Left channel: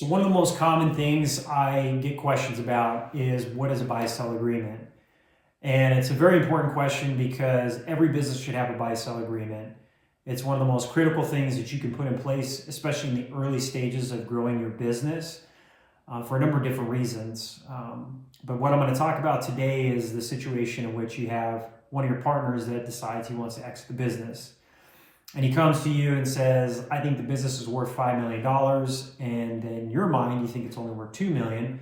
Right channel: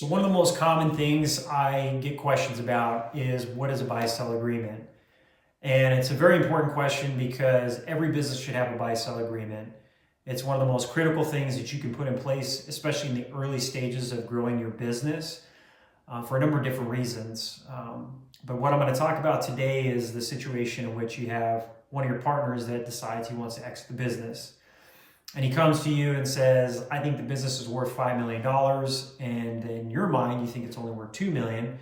So one of the most common things I get questions about is what is a buy-sell agreement? And it's a very important question because every business should have a buy-sell agreement. It's one of the most critical things that you can put in place, especially in the early stages of growing your business for a number of different reasons. But what I'm going to talk about today is the situation in which you have one of your partners that decides he wants to exit the business. And he comes to you and says, I think the business is worth $5 million. And in your mind, you think it's only worth $2 million.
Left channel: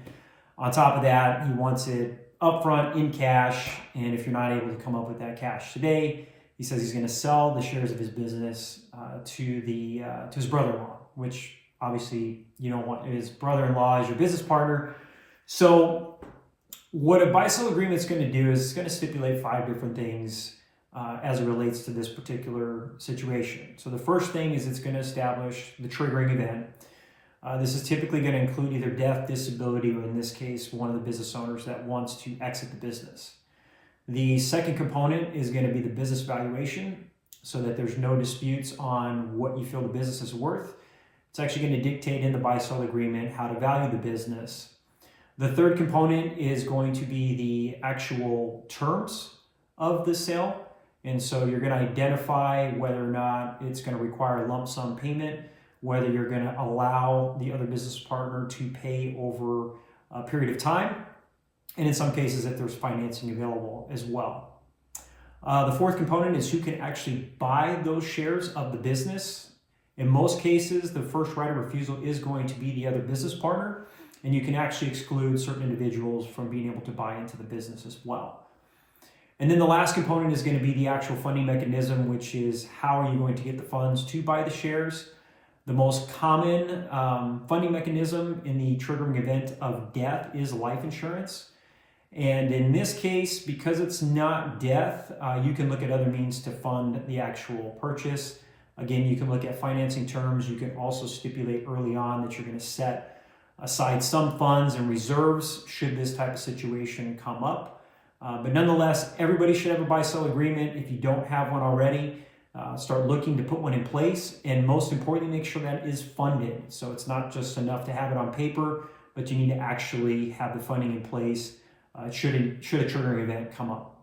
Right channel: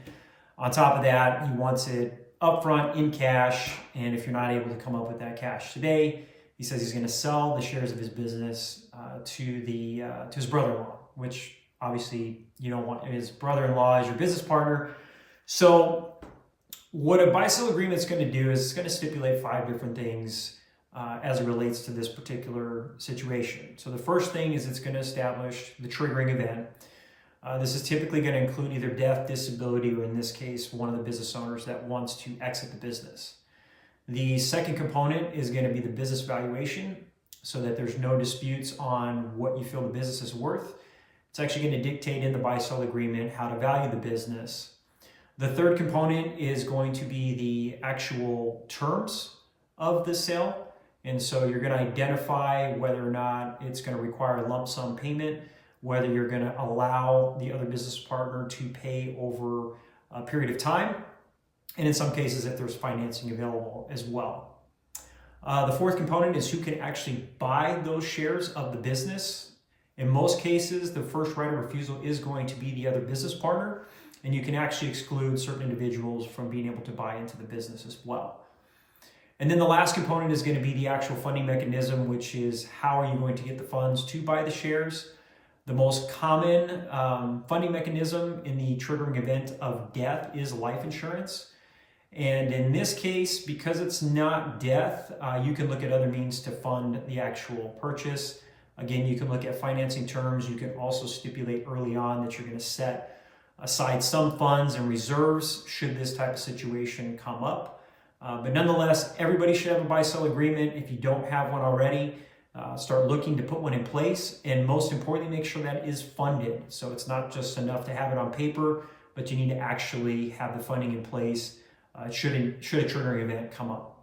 On top of that, he wants it upfront in cash. And if you're not able to come up with that cash today, he says he's going to sell the shares of his business to his brother-in-law, which obviously you don't want his brother-in-law as your business partner. So what a buy-sell agreement is going to do is it's going to stipulate 5 different things as it relates to this particular situation. So the first thing is it's going to establish the triggering event. This is typically going to include either death, disability, or in this case, one of the business owners that wants to exit the business. The second component is going to be the business valuation, so that there's no disputes on what you feel the business is worth. It's actually going to dictate in the buy-sell agreement how to value the business. The third component is going to be the actual terms of the sale. And so you're going to identify whether or not it's going to require a lump sum payment, whether you're going to allow the other business partner to pay over a period of time, and in some cases if there's financing available as well. The fourth component is who can actually buy those shares of the business. In most cases, the first right of refusal is going to be the other business partner, and you can actually exclude certain individuals from being able to buy into the business as well. And then the last component is going to be the actual funding mechanism, which is how are you going to get the funds to buy the shares. The most common funding mechanism in the triggering event of death is life insurance. And in this case, because it's not death, you can look at other means to fund the actual purchase. Again, you can look at financing terms. You can also stipulate early on that you're going to set aside some funds and reserves should this type of situation come up. But nonetheless, everybody should have a buy-sell agreement. If you don't have one already, start looking to put one in place. And most importantly, make sure that it is funded. So it's not just enough to have it on paper, but you need to actually have the funding in place should a triggering event come up.